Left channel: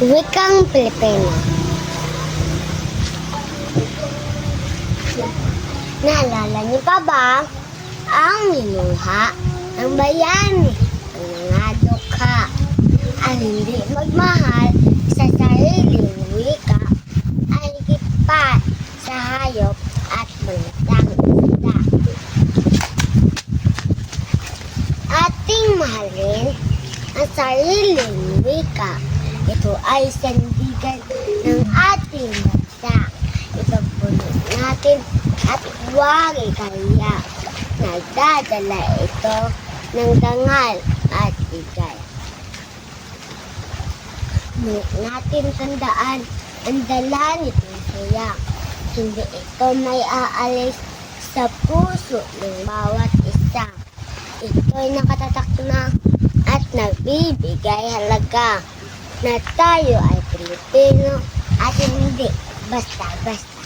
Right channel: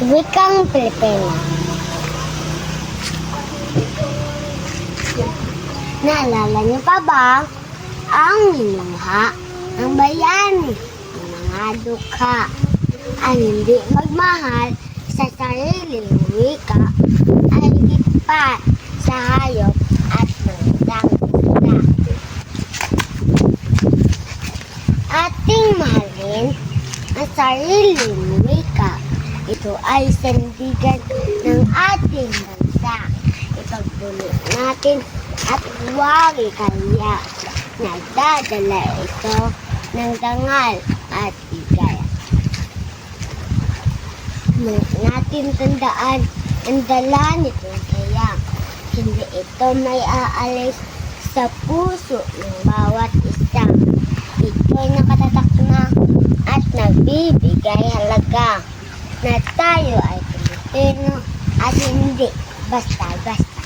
Wikang Pilipino. Naalala niyo pa ba ang ninuha ng bayan ng mga dukha ay hindi magmahal sa sariling wika ay pa sa hayop at bundang isda. Ating mahalin ang sariling wika. Ito ay sandigan ng ating bansa. Ipagpuno natin at huwag ikaya. Nagdadala ito ng dangal at igaya. Ngunit natin tandaan ang dala nitong saya. Hindi ito may aalis sa puso ng bawat isa. Ito'y nakatatak na at nagbibigay halaga na tayo ay Pilipino at hindi basta-basta.